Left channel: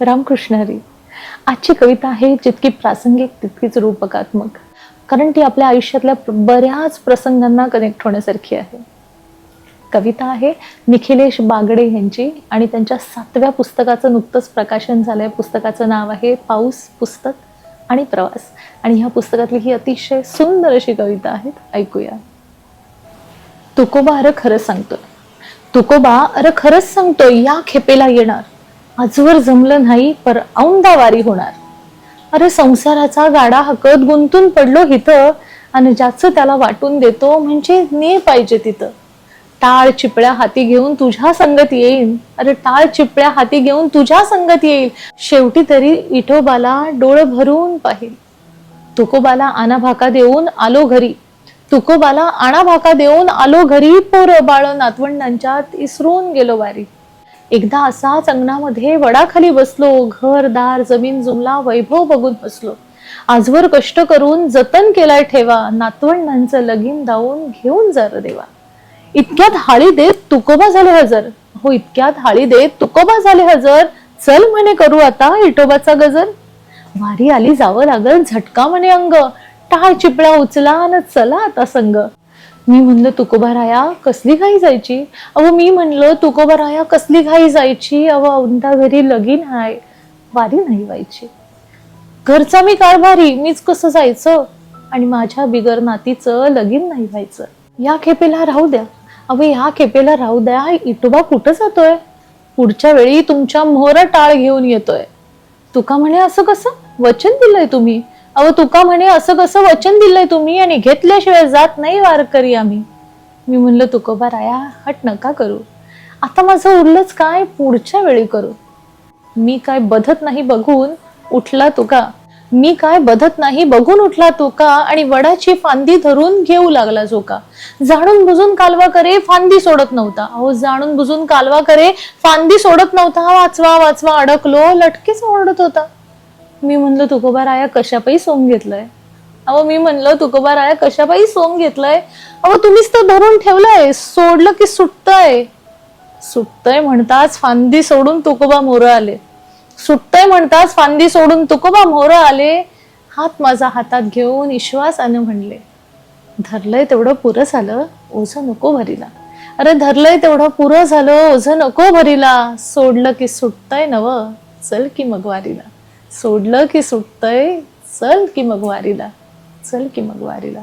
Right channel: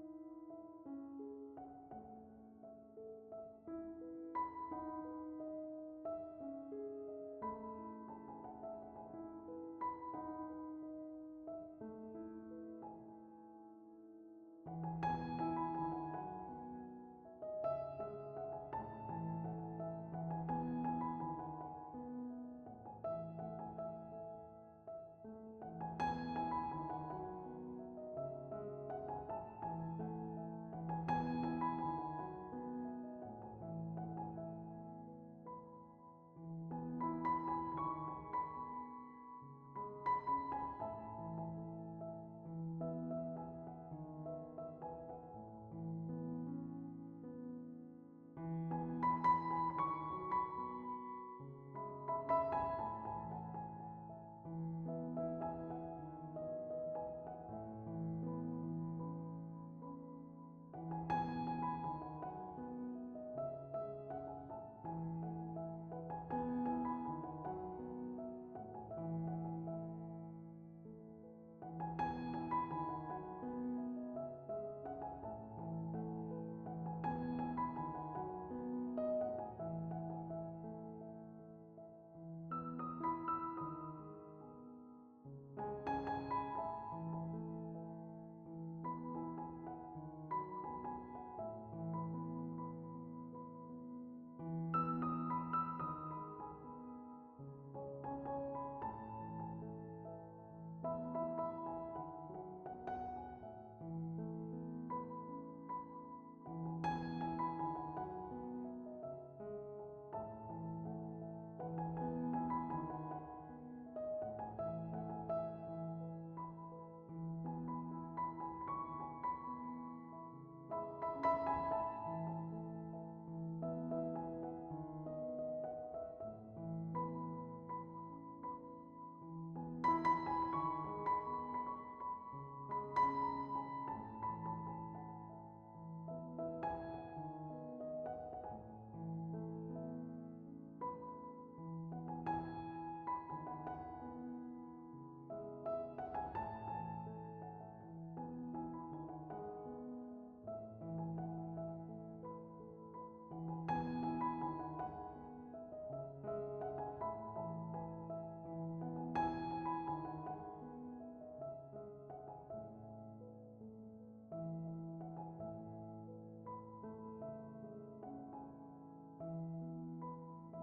रामकृष्ण हरी. आजची कविता आहे जितकी प्रासंगिक तितकीच रूपकात्मक, कारण ती आपल्या आयुष्यातल्या बऱ्याच प्रसंगांना कनेक्ट होण्यासारखी आहे. कविता आहे निखिलेश बागडे यांची आणि त्यांच्या 7व्या पुस्तकाचं नुकतंच प्रकाशन झालंय. पुस्तकाचं नाव आहे पाऊस, पुस्तक आणि प्रवास. आणि ह्या पुस्तकातली ही अतिशय सुंदर अशी कविता आहे, ऐकूया. तुकोबा अरे खरंच सांगतोय, तुकोबा अरे खरंच सांगतोय, या खेपेला येणार. आजवर जमलं नाही पर औंदा वारी होणार. अरे संसाराचा गाडा हकत गुंतून पडलो हिथं, आणि ज्याचं त्याला वाटून देतो म्हणजे ने पाहिजे तिथं. टाळ चिपळ्या हाती घेऊन तुझ्या संगत येईन. अरे टाळ चिपळ्या हाती घेऊन तुझ्या संगत येईल. शेवटी तरी इठोबाला डोळ भरून पाहिल. तुकोबाला आना भाका देऊन आलो घरी. तुकोबाला आणा भाका देऊन आलो घरी. पोर बाळ नातवंडांच्यात इसरून गेलो वारी. एकदा असाच अंगणामध्ये वडाखाली बसलो. घर दार जमीन जुमला वैभव बघून हसलो. आजवर कष्ट करून जतन केलाय ठेवा. नातवंडांचं लगीन दावून घेऊन जर देवा. इतक्यात हाळी देत तुकोबा झाले हजर. हो इतक्यात हाळी देत तुकोबा झाले हजर. चल म्हणे करू आता इटोबाचा गजर. वारी आली जावं लागल झटका म्हणे अंग. टाळ चिपळ्या उचला न चला आता संग. मी म्हणलं तुकोबा राया कसली घाई जायची. अहो मी म्हणलं तुकोबा राया कसली घाई जायची. अहो औंदा घरी लगीन हाय, वारी नाही व्हायची. घरचा मी कारभारी, मीच कसं जायचं. आणि माझ्या बिगर नातीचं लगीन नाही व्हायचं. या खेपेला राहू द्या, अहो या खेपेला राहू द्या. इटोबा कुठं जातोय. पुढच्या वेळी तुमच्या मोहरा टाळ घेऊन येतोय. तुका म्हणे असं कसं वचन दिलंय तुम्ही. अहो तुका म्हणे असं कसं वचन दिलंय तुम्ही, आणि घेतल्याशिवाय जात नाही वारकरी आम्ही. मी म्हणलं तुकोबा राया हट नका करू. आता माझं उरलंच काय, पुढच्या वेळी करू. मी काय बधत नाही बघून उठला तुका. मी काय बधत नाही बघून उठला तुका. आणि वडाची फांदी धरून घेऊ लागला झोका. जाणून बुजून कालवा करे फांदी सोडत नव्हता. अहो जाणून बुजून कालवा करे फांदी सोडत नव्हता. वाचवा वाचवा अडकलो लटकेच ओरडत होता. मी म्हणलं तुकोबा राया कशापायी सोंग घेतलंय. अहो मी म्हणलं तुकोबा राया कशापायी सोंग घेतलंय. अहो तुम्हीच तर धरून ठेवलंय, सोडलं की सुटतंय. सुटतंय म्हणताच फांदी सोडून तुकोबा मोरं आले. सुटतंय म्हणताच फांदी सोडून तुकोबा मोरं आले. हात माझा हातात घेऊन विश्वासानं म्हणले, धरलंय तेवढं पुरं झालं ओझं नको भरीला. अरे धरलंय तेवढं पुरं झालं ओझं नको भरीला. सोडलं की सुटतंय नव, चल की मग वारीला. सोडलं की सुटतंय, चल की मग वारीला. चल की मग वारीला.